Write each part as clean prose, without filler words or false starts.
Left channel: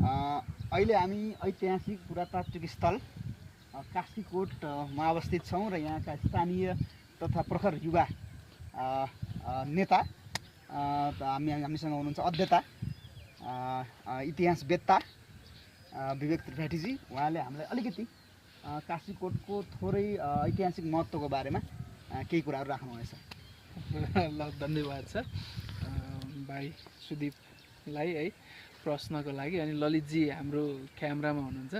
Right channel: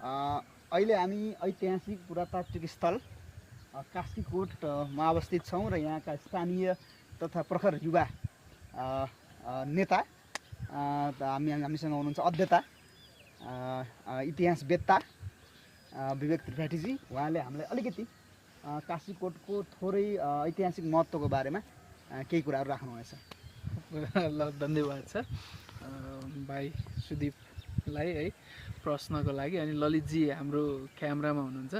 अहिले हामी ऐतिहासिक पुरातात्विक स्थल कास्कीकोटमा अवस्थित छौँ र यहाँका स्थानीय तथा प्रखर युवा नेता हामीसँग हुनुहुन्छ अध्येता इतिहासवेत्ता विवेक त्रिपाठीजी। उहाँले हामीलाई अलिकति कास्कीकोटको थोरै ऐतिहासिक महत्त्वको बारेमा केही कुराहरू राख्नुहुनेछ। ल धन्यवाद सर भाइ सुदीपलाई है प्रश्नको लागि। अनि ललितजी हाम्रो क्यामेरामा हुनुहुन्छ।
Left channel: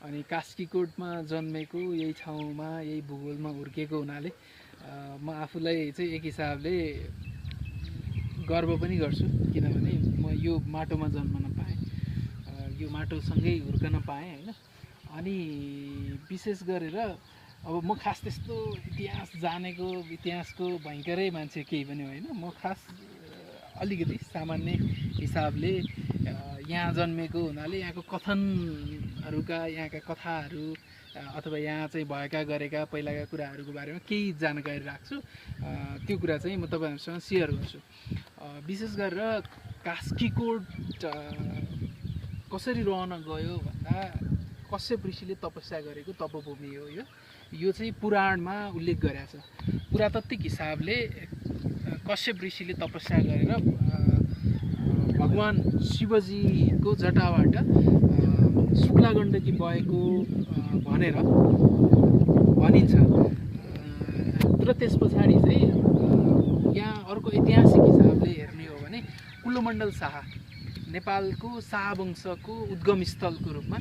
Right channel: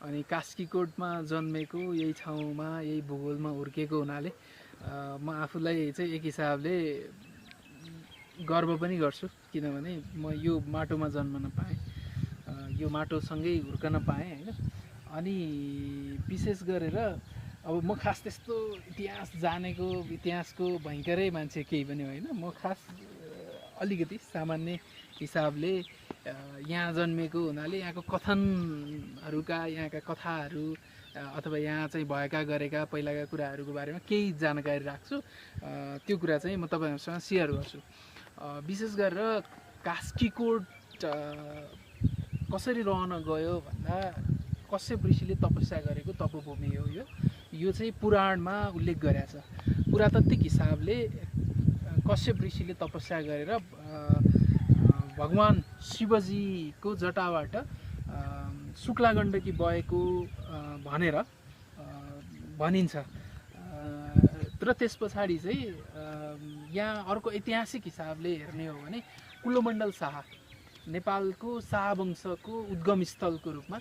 अनि कास्कीकोटमा जन्मेको, यही ठाउँमा यही भूगोलमा हुर्केको हुनाले म आफूलाई चाहिँ एक हिसाबले गर्व पनि गर्छु, किनभने म यो माटोमा जन्मन पाएँ, यो माटोसँगै हुर्कन पाएँ होइन। अनि विशेष गरेर अब म खास त्यस्तो इतिहास जानेको, इतिहासको भयङ्करै मान्छे केही पनि होइन। म खास अलिकति सामान्य हिसाबले यहाँ जन्मेको हुनाले यहाँको कथनहरूका, यहाँका कथाहरू अथवा यहाँ चाहिँ भएका गरेका पहिलाका कुराहरूको बारेमा केही जानकारी राख्छु। त्यो कुरा चाहिँ म तपाईँहरूसँग सेयर गर्छु। विशेष गरेर कास्कीकोट कसरी रहन गयो भन्दा कश्यप ऋषिले तपस्या गरेको तपोभूमि हो यो चाहिँ पुराणमा उल्लेख गरेको छ। पुरातात्विक हिसाबले कश्यप ऋषिले तपस्या गरेर भगवान शिवजीको जटाबाट शुक्ला गण्डकी बहेको भनेर भनिन्छ। र त्यस पछाडि चाहिँ यहाँ अर्को ऐतिहासिक हिसाबले हेर्ने हो भने कुलोमण्डल शाह नेपालको शाह वंशको उद्गम स्थलको रूपमा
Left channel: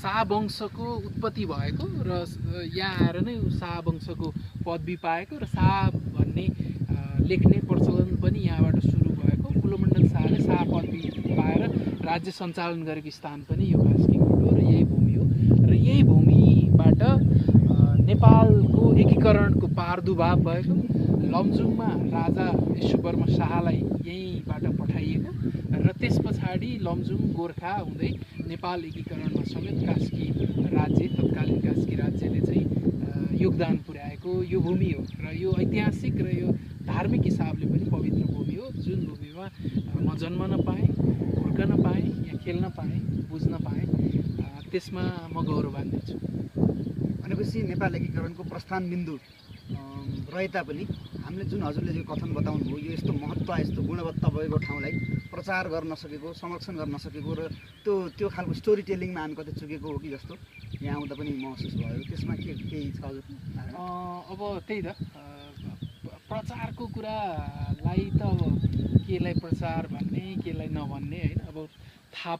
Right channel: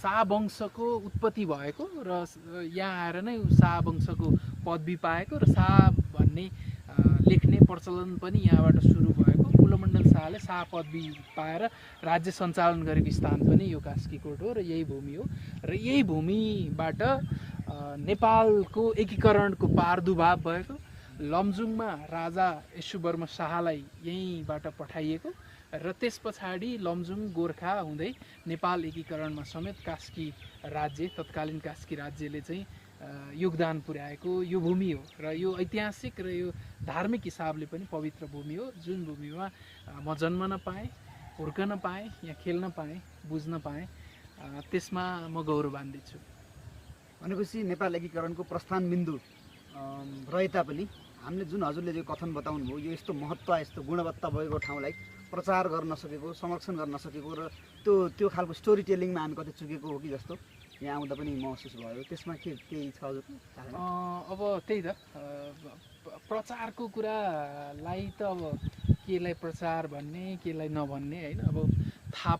शाह वंशको उत्पत्ति भएको र यहाँ आएर नै शाह वंशको पदवी पाएको र शाह भन्ने लेख्ने प्रचलन पनि यहाँबाट सुरु भएको। कुलोमण्डल शाहले शाह पदवी पाएर राज्य सञ्चालन गरेको स्थान पनि यो कास्कीकोट हो र यही भूमि हो। र यही भूमिबाट नेपालको एकीकरणको प्रादुर्भाव भएको। लमजुङमा राजा यशोवर्मन शाहलाई यहीँबाट पठाइएको र त्यस पछाडि लमजुङ गोर्खा हुँदै नेपाल एकीकरणमा समेत कास्की राज्य, तत्कालीन कास्की राज्यले चाहिँ योगदान पुर्याएको यो भूमि हो। र यो ऐतिहासिक र यो धार्मिक हिसाबले पनि पवित्र भूमि हो, जुन भूमिमा म जन्मन पाएँ, हुर्कन पाएँ, यहाँ खेल्न पाएँ, बुझ्न पाएँ। त्यसमा म गौरवान्वित छु। भनेपछि नेपाल एकीकरणको प्रस्थान बिन्दु रहे तापनि हामीले जुन हजुरले जो कथन बताउनु भयो, यो यस्तो महत्त्व, यस्तो गुणवत्ता भएको ठाउँलाई प्रचार गर्न सकेको, संरक्षण गर्न सकेको र त्यो खालको स्टोरी टेलिङमा हामी कतै चुकेको हो कि जस्तो यहाँ आउँदा पनि महसुस भयो। त्यसमा केही छ हजुर? अब त्यही त प्रचारको कुरालाई त अब केलाई प्रचार भन्ने, केलाई नभन्ने होइन। अब थाहा